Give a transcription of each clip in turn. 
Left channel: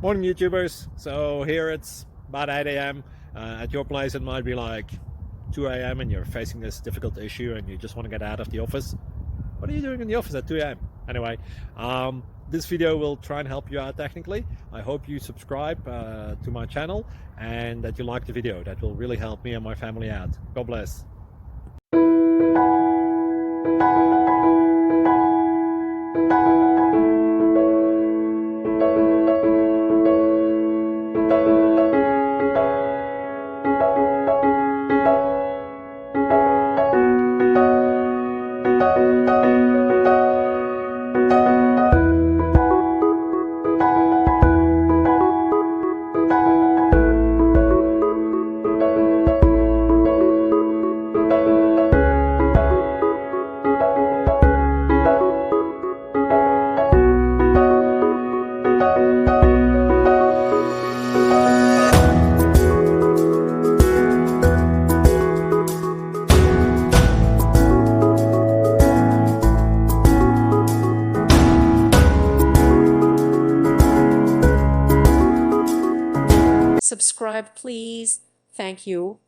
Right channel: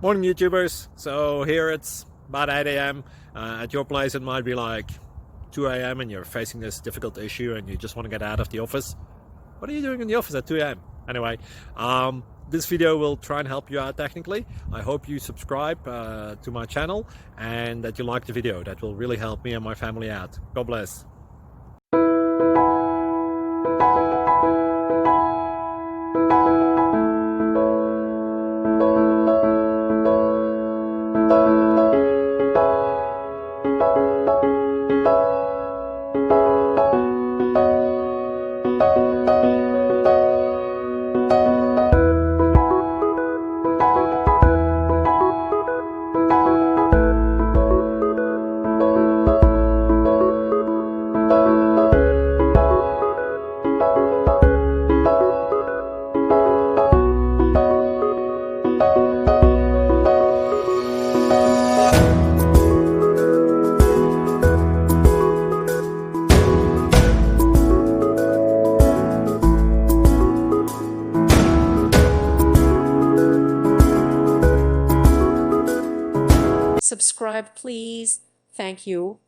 Morning YouTubers. So here it's about 8 a.m. At your place it might be like 2 a.m. and you're facing this difficult issue and you just want to get out of the office. What are you doing in the office at 2 a.m.? Anyway, this video will try and help you out technically. I hope you subscribe to my channel and that you like the video. That will really help me and my family out. God bless. Subscribe, please. Thank you.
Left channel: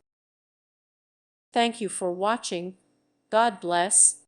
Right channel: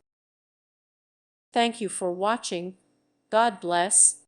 Thank you for watching. God bless.